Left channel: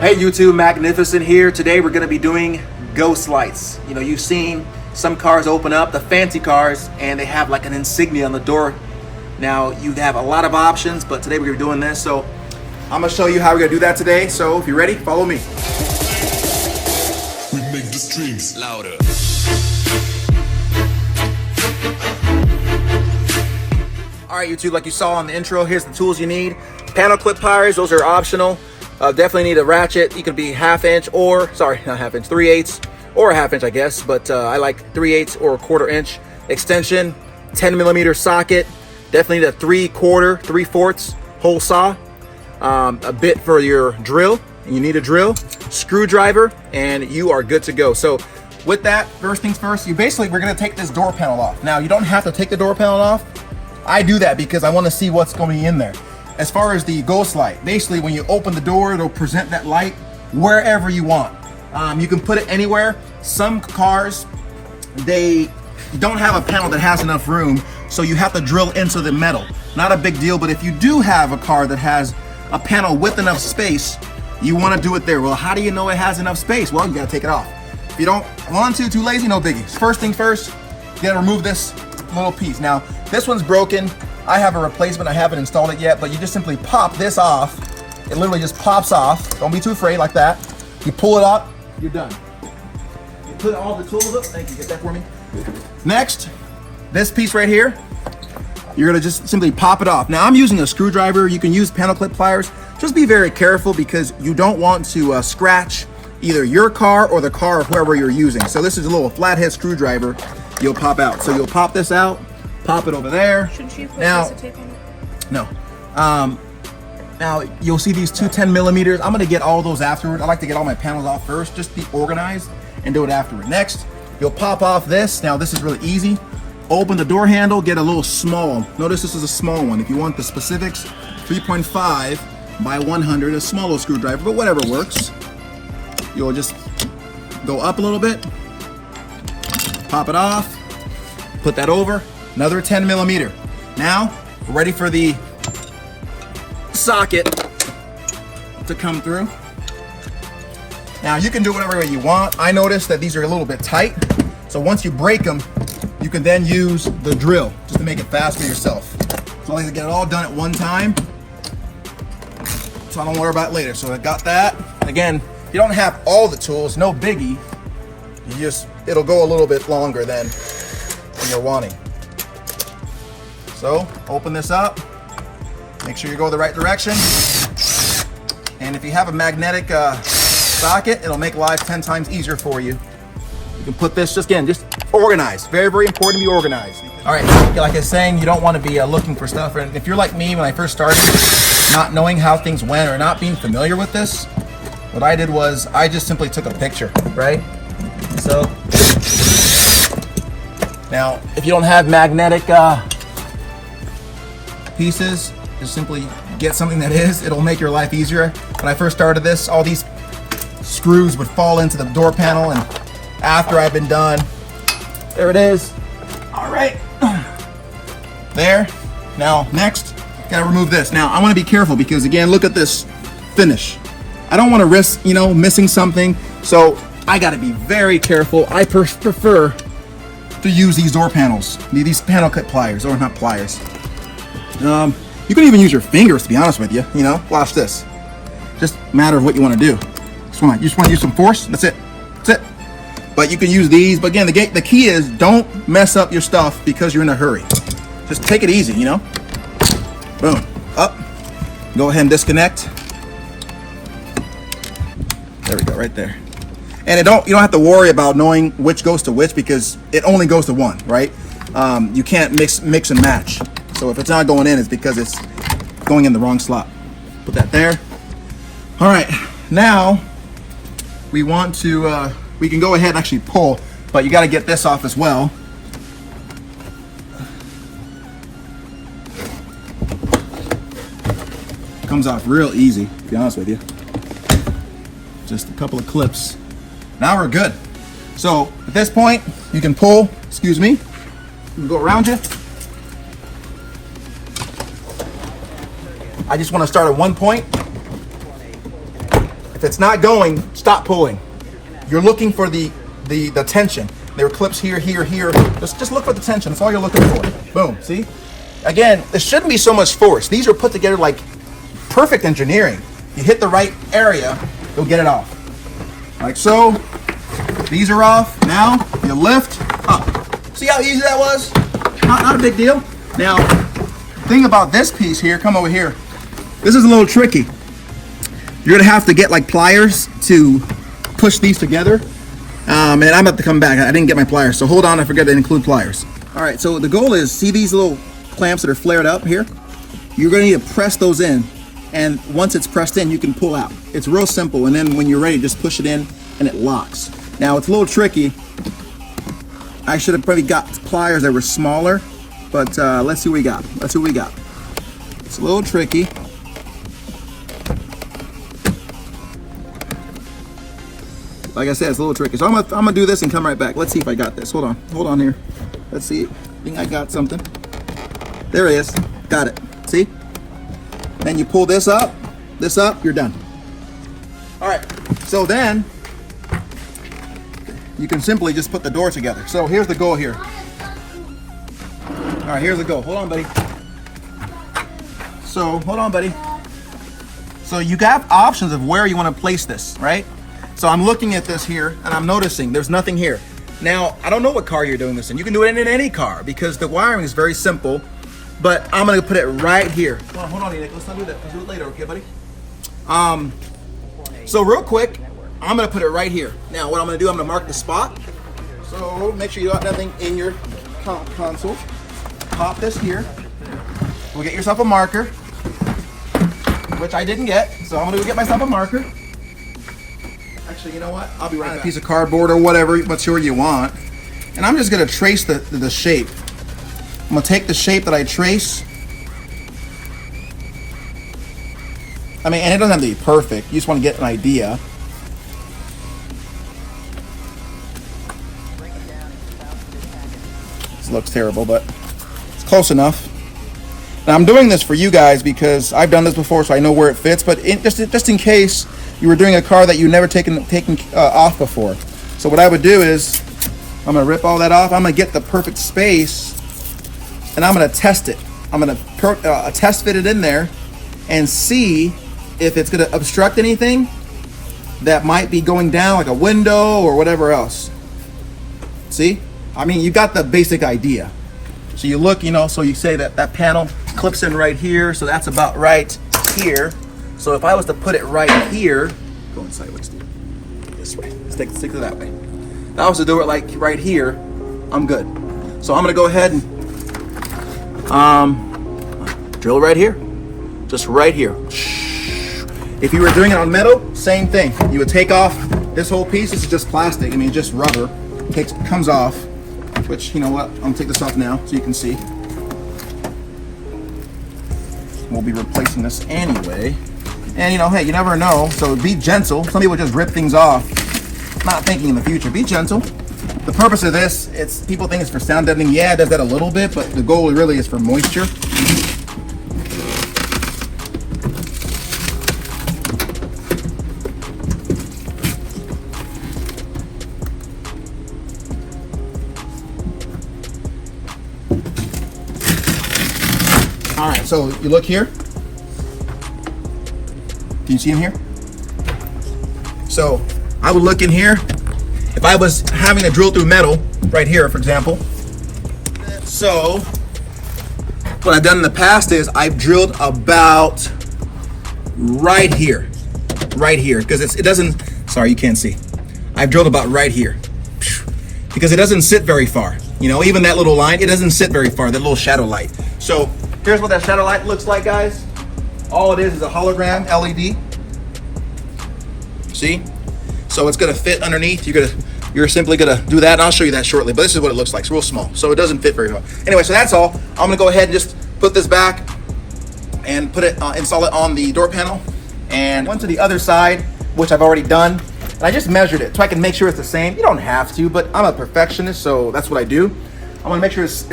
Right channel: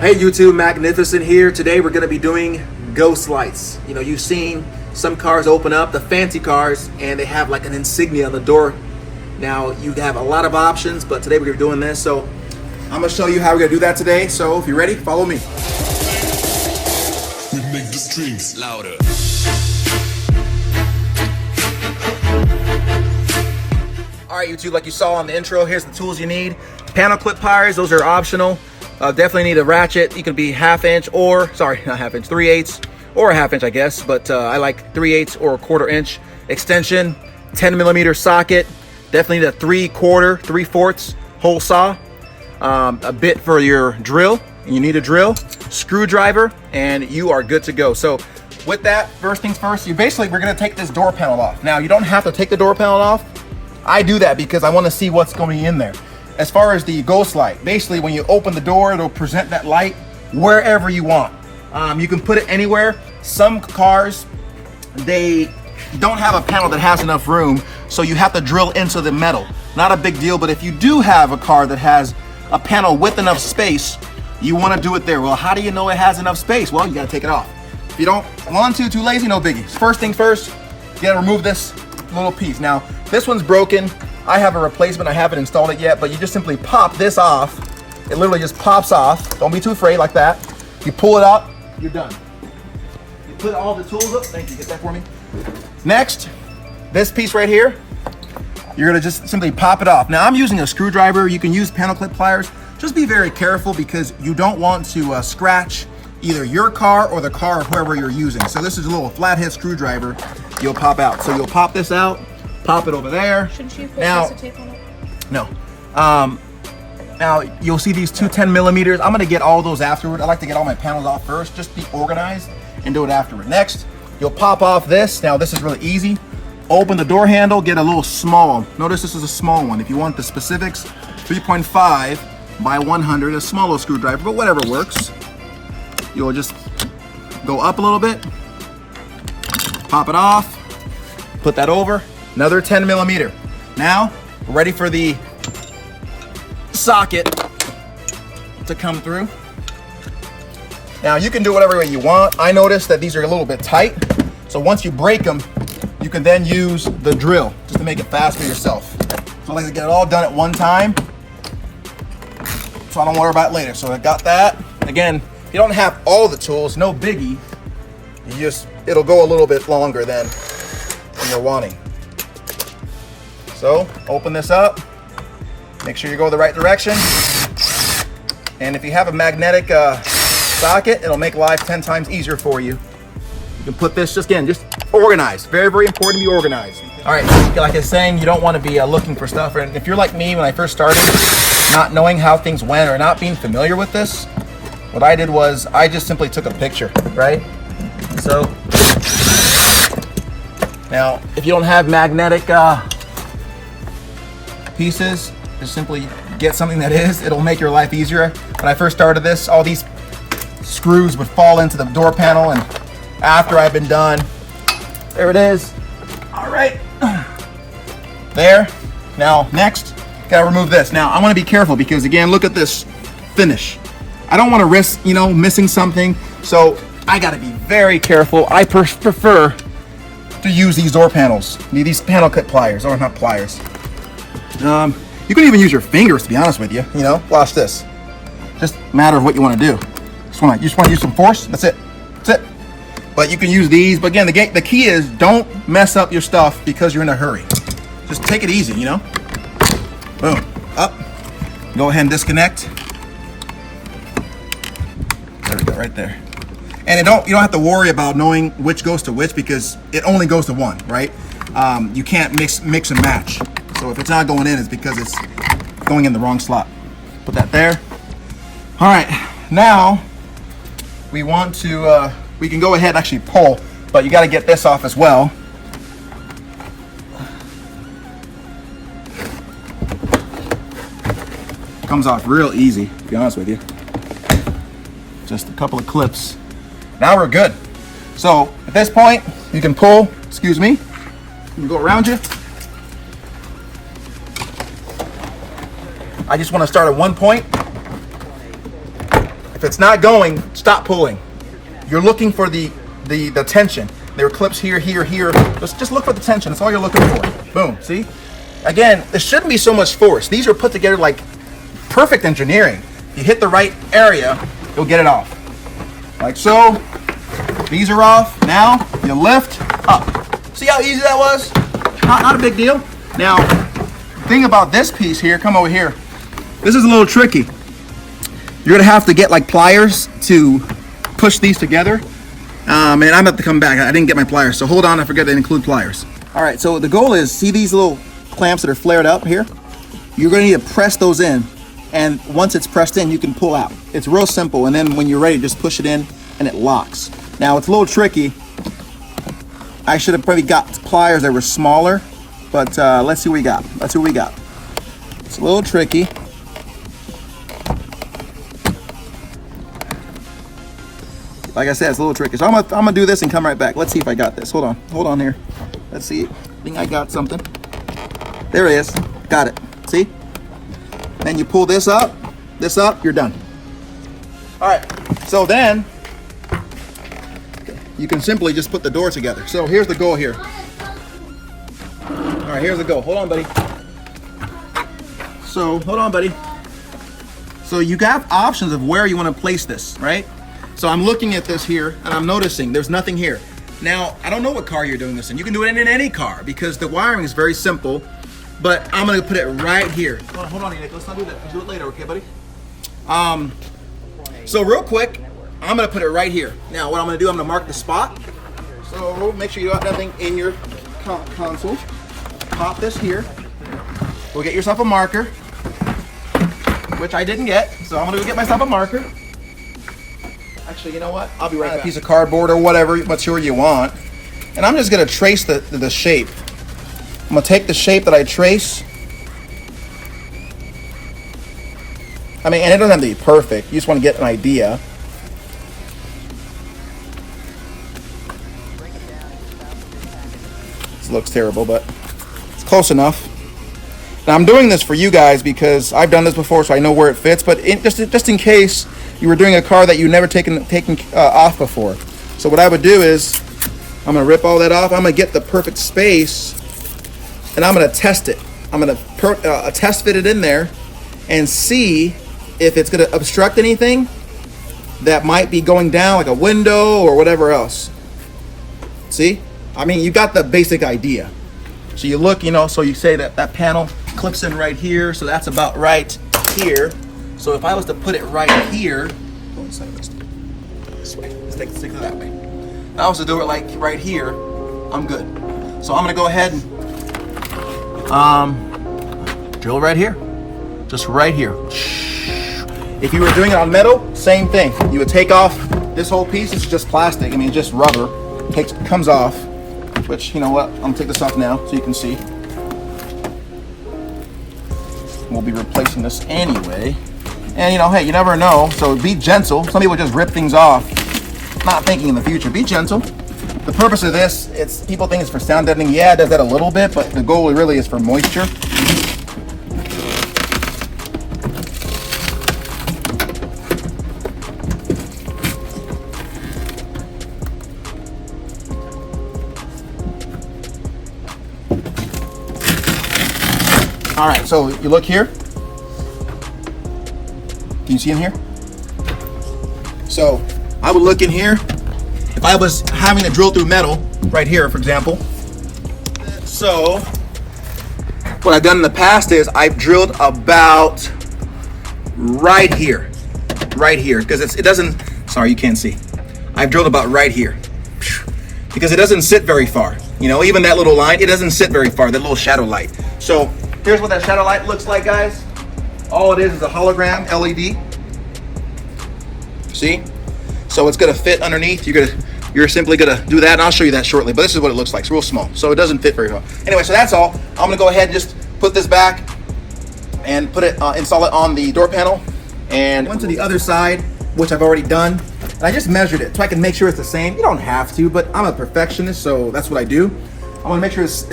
Hey YouTube, Magnificent here. Today we're going to be doing ghost lights. You know, you've seen some cars open up, the fancy cars, and they have like an insignia on the door. Now you have a lot of options, but today we're going to be doing this. So I'm going to show you how we're going to do that today. So if you're ready, follow me. We make the streams louder. Alright YouTube, like you saw in the intro, here's the tools you need. Panel clip pliers, those are optional. Definitely need a ratchet. You could be 1/2 inch or, sorry, not 1/2 inch, 3/8 or a 1/2 inch, I guess. But I like 3/8 or a 1/4 inch extension, 10mm socket. Definitely need a 3/4, 3/4 hole saw. A bit for your drill. You need a drill, screwdriver, and you are good to go. So with that, first things first, we're gonna take this door panel off. Now you don't have to take the door panel off. I do that because I want to see what's going to be in there. As far as the ghost light, basically when you open the door, it'll present that light wherever you want. You can put it anywhere. Some cars, they don't have a panel that has enough room, so you have to drill into the metal. Not a big deal, but if you do have a car that has a panel with enough space, you want to do it there. Well, how do you know it has enough space? Well, you got to take it off. If you don't want to, too lazy, no biggie. First thing first, you got to remove this little piece. Now, this one's broken. I have a replacement. I haven't installed it yet, but you just simply pop this off. It literally just pops off. Don't be too afraid like that. You pull it out, you're done. You put all the tools up. Thank you, get that for me. Next, this piece right here, you're gonna just simply pop it off. Now I'm using a screwdriver. You can use panel clip pliers. Just be very careful because you don't want to scratch either your car or the car of whoever you're using. So this is a little flathead screwdriver you'll pop out. So you'll pop this out, pop it over there. Shouldn't you put now, a tape on it? No. Now you'll see these two 10mm. I'm gonna get all those afterward. I like to get all my panels off first, just be organized and do it afterward. Next, you'll pop off this. Now this is really easy. Open the door handle, get a little small. Notice this is a small one. If you want the specifics, 3.5 by 100, a small little screwdriver, but whatever works. You'll just go up a little bit, pop it off, put that over, another 10mm. Now, we're ready for the socket to come through. Now, you can do whatever way you want. I noticed that these are a little bit tight, so once you break them, you can then use the drill just to make it fast for yourself. So I like to get it all done at one time, so I don't worry about it later. So I got that. Again, if you don't have all the tools, no biggie. It'll go a little bit longer than you're wanting. So open this up, make sure you go the right direction. And if you have a magnetic socket, it'll make life 10 times easier for you. You can put this, just organized. Very, very important to be organized. All right, like I was saying, you don't want to be looking for stuff. And if you're like me when I first started, not knowing how things went or not being familiar with this, what I did was I just simply took a picture, right? So now, if you don't have magnetic pieces, just simply get something that is. It'll make your life easier. When I first started this, all these screws would fall into the door panel, and after I've been done, there it is. All right, there. Now, next, gotta remove this. Now, I wanna be careful because again, look at this finish. I don't want to risk, missing something, so I got to be very careful. I prefer to use these door panels, these panel clip pliers, or not pliers. You can even use your fingers, to be honest with you. Watch this. Just a matter of what you want to do. You just want to use some force. That's it. That's it. But you can use these. But again, the key is don't mess up your stuff because you're in a hurry. Just take it easy. Boom. Up. Go ahead and disconnect. There we go, right there. And you don't have to worry about knowing which goes to which because it only goes to one, right? You can't mix and match. So if it's not going in, it's because it's going in the wrong slot. Put that there. All right, now we want to, we can go ahead and actually pull, but you got to get this off as well. Comes off real easy, to be honest with you. Just a couple of clips. Now we're good. So at this point, you can pull, excuse me, you can go around you. I just want to start at one point. If it's not going, stop pulling. You're looking for the tension. There are clips here, here, here. Just look for the tension. That's all you're looking for. Boom, see? Again, there shouldn't be so much force. These are put together like perfect engineering. You hit the right area, you'll get it off. Like so. These are off. Now, you lift up. See how easy that was? Not a big deal. Now, the thing about this piece here, come over here. This is a little tricky. You're gonna have to get like pliers to push these together. And I'm about to come back. I didn't get my pliers, so hold on, I forgot to include pliers. All right, so the goal is, see these little clamps that are flared up here? You're gonna need to press those in, and once it's pressed in, you can pull out. It's real simple, and then when you're ready, just push it in and it locks. Now, it's a little tricky. I should have probably got pliers that were smaller, but let's see what we got. Let's see what we got. It's a little tricky. Like I said, it's a little tricky. So I'm gonna do this and come right back. Let's see if I got this. Hold on here. Let's see. I think I got something. There it is. Got it. See? Then you pull this up, you're done. All right. So then you can simply just put the door together. So here's the goal here. All right, here's the goal. Hold on, buddy. So you got options of where you want to place this, right? So I'm looking at this here and I'm noticing there's nothing here. Now, I don't know what car you're doing this in. You can do it in any car because the wiring is very simple, but I'm gonna put it right here. Hold on, Nick. Let's not do that. Do it later, okay, buddy? So real quick, I'm gonna put it right here. Now, what I'm gonna do, I'm gonna mark the spot. So make sure you got nothing in your console. Pop this here. We'll get yourself a marker, which I didn't get. So I'm gonna go get myself a marker. Actually, you know what? I'll be right back. A piece of cardboard or whatever you want. And I'm just gonna trace the shape. I'm gonna take the shape that I trace. I mean, and it doesn't have to be perfect. You just wanna get an idea. This looks terrible, but it's close enough. Now I'm doing this for you guys because I've done this before, so I know where it fits, but just in case you were doing a car that you've never taken off before. So what I would do is, I'm gonna rip all that off. I'm gonna get the perfect space, and I'm gonna test it. I'm gonna test fit it in there, and see if it's gonna obstruct anything that might be going down, like a window or whatever else. See? I mean, you got the basic idea. So you look, so you say that panel clips in right here, so that's about right here. So if I was to put it right here, going sideways, this way, stick to that way. If I was to do it like right here, I'm good. So I'm gonna go ahead and drill right here, just right here. If you were doing it on metal, same thing. You would take off this whole piece. It's just plastic. I mean, just rubber. Comes off. Which, you know what? I'm gonna take this off now so you can see. We'll be replacing this anyway. And hey, you never know, so be gentle. Some people just rip things off, not thinking in the future. Be gentle. The purpose of this, people think it's for sound deadening. Yeah, it does that a little bit, but the goal really is for moisture. All right, so you look here. Can you see in here? So I would look in here. If I was having to drill through metal, right here, for example. So what I've done in the past is I've drilled about right here, because it doesn't, sorry, you can't see. I've drilled about right here because it doesn't sit very far. Even that little line, it doesn't sit very far, that little shadow light. So here's what that shadow light looks like, guys. All it is a hologram LED. See? So it's gonna fit underneath. You're simply gonna do that, and I'll show you that shortly. But this is what it looks like. It's real small, so it doesn't fit very well. Anyway, so that's all. I'm gonna go ahead and just put this back and install it on the door panel, and onto the other side, which I've already done. And I just measured it so I can make sure it's the same. You don't have to, but I'm a perfectionist, so that's what I do. I want to make sure it's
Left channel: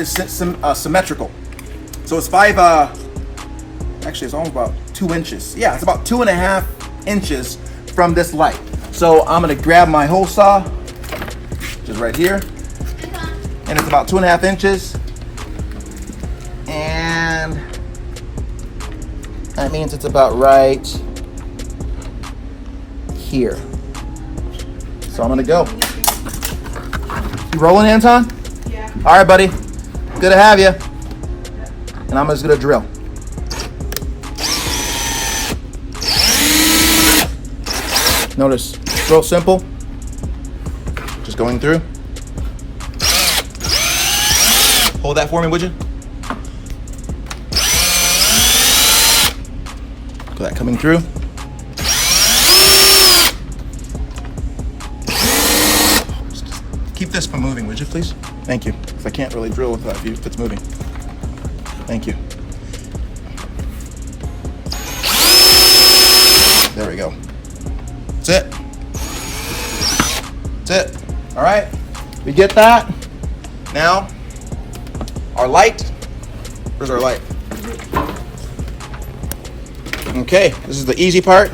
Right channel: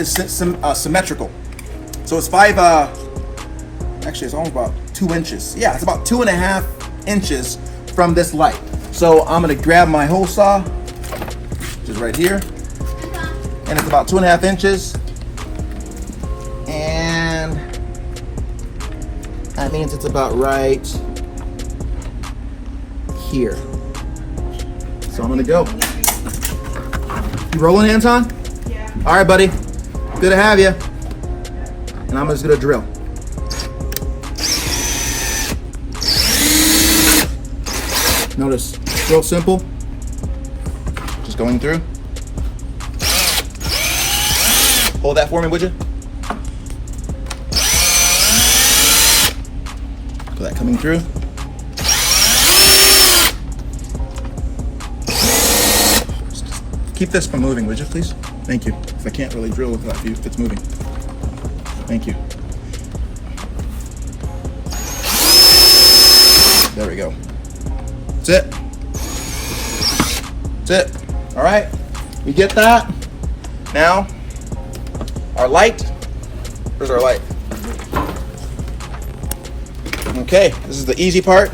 symmetrical. So it's actually it's almost about 2 inches. Yeah, it's about 2.5 inches from this light. So I'm gonna grab my hole saw, which is right here, and it's about 2.5 inches. And that means it's about right here. So I'm gonna go. You rolling, Anton? Yeah. All right, buddy. Good to have you. And I'm just gonna drill. Notice, it's real simple. Just going through. Hold that for me, would you? Got that coming through. Keep this from moving, would you, please? Thank you. If I can't really drill without you, if it's moving. Thank you. There we go. That's it. That's it. All right. We get that. Now, our light. Where's our light? Okay, this is the easy part.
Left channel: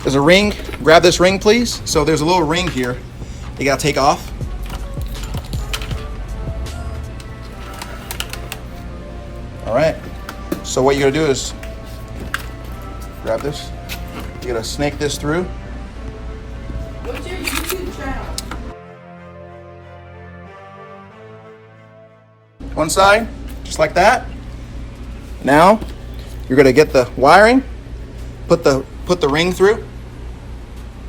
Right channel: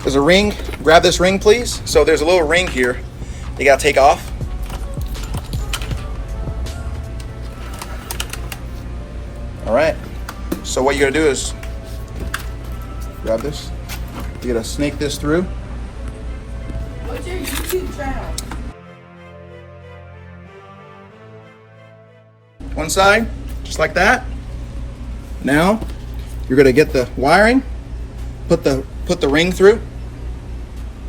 There's a ring. Grab this ring, please. So there's a little ring here you gotta take off. All right. So what you're gonna do is grab this. You're gonna snake this through. What's your YouTube channel? One side, just like that. Now, you're gonna get the wiring, put the ring through.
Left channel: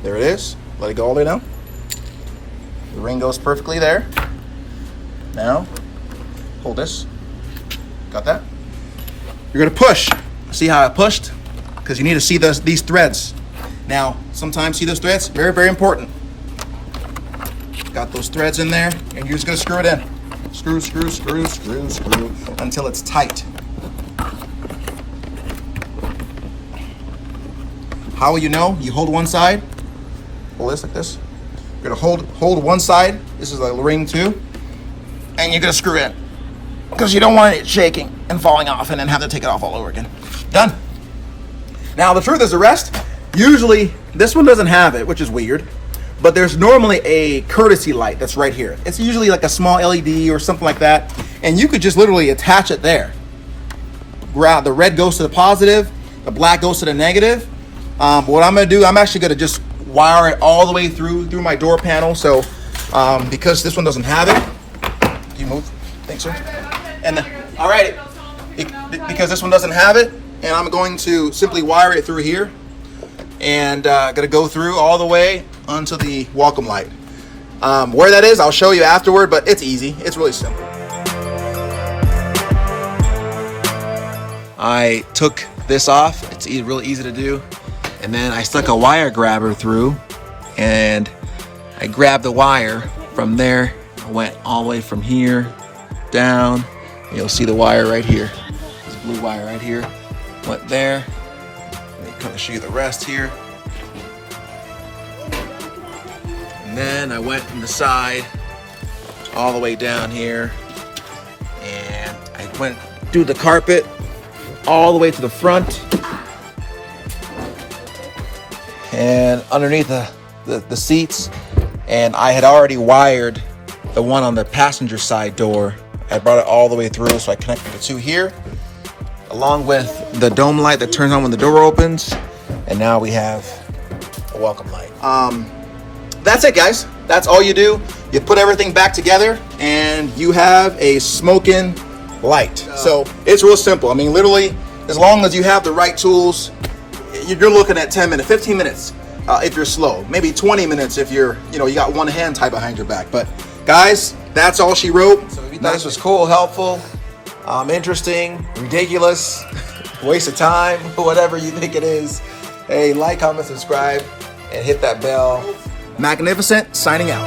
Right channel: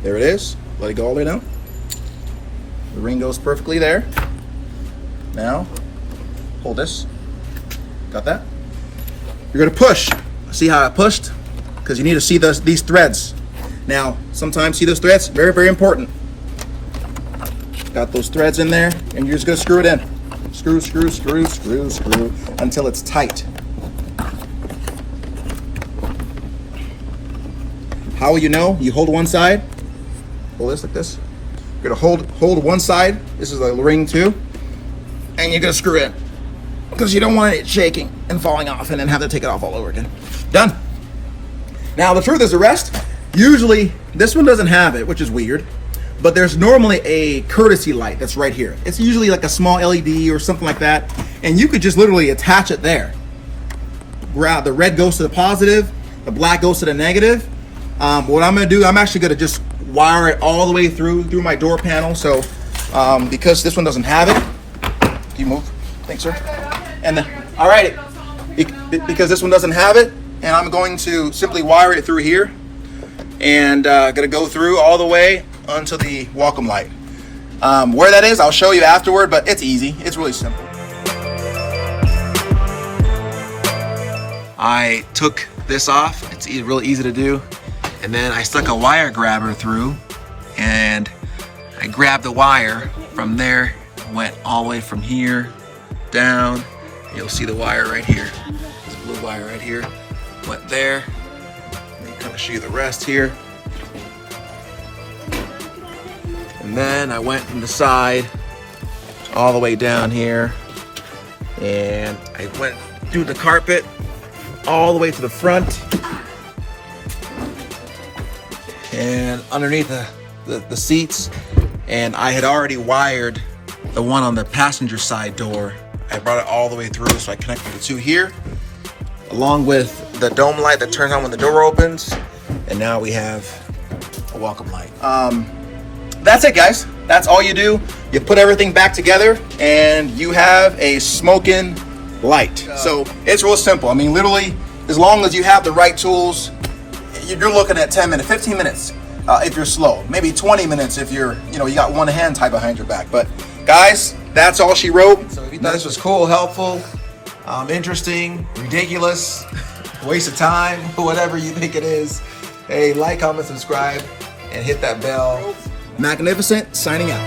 There it is. Let it go all the way down. The ring goes perfectly there. Now, hold this. Got that? You're gonna push. See how I pushed? Because you need to see these threads. Now, sometimes see those threads? Very, very important. Got those threads in there, and you're just gonna screw it in. Screw, screw, screw, screw, screw, until it's tight. How will you know? You hold one side. Hold this like this. You're gonna hold one side. This is the ring too. And you're gonna screw it in. Because you don't want it shaking and falling off and then have to take it off all over again. Done. Now the truth is the rest. Usually this one doesn't have it, which is weird. But there's normally a courtesy light that's right here. It's usually like a small LED or something like that. And you could just literally attach it there. The red goes to the positive, the black goes to the negative. What I'm gonna do, I'm actually gonna just wire it all the way through my door panel. So because this one doesn't have it, can you move? Thanks, sir. And all right, because this one doesn't have it, and I'm going to simply wire it through here, and gonna go through all the way onto the welcome light. Where that is, I'll show you afterward, but it's easy. It's really simple. I took this off. It's really easy to do. And then I stuck a wire grabber through, and I grabbed the wire from there. I went all the way from here down. You'll see the wire right here. This blue wire right here. Went there. I'll show you the rest here. And then I went from the side all the way down here, and I went through the carpet all the way to the front. And underneath the seats, and I had already wired the one on the passenger side door. I brought it all the way through, so I connected the two here, along with the dome light that turns on when the door opens, and now we have a welcome light. That's it, guys. That's all you do. You put everything back together, and you have a smoking light. So it's real simple. I mean, literally, as long as you have the right tools, you're looking at 10 minutes, 15 minutes if you're slow. Maybe 20 minutes if you got one hand tied behind your back. But guys, that's all she wrote. So if you thought this was cool, helpful, interesting, ridiculous, waste of time, whatever you think it is, hey, like, comment, subscribe, and hit that bell. Magnificent, signing out.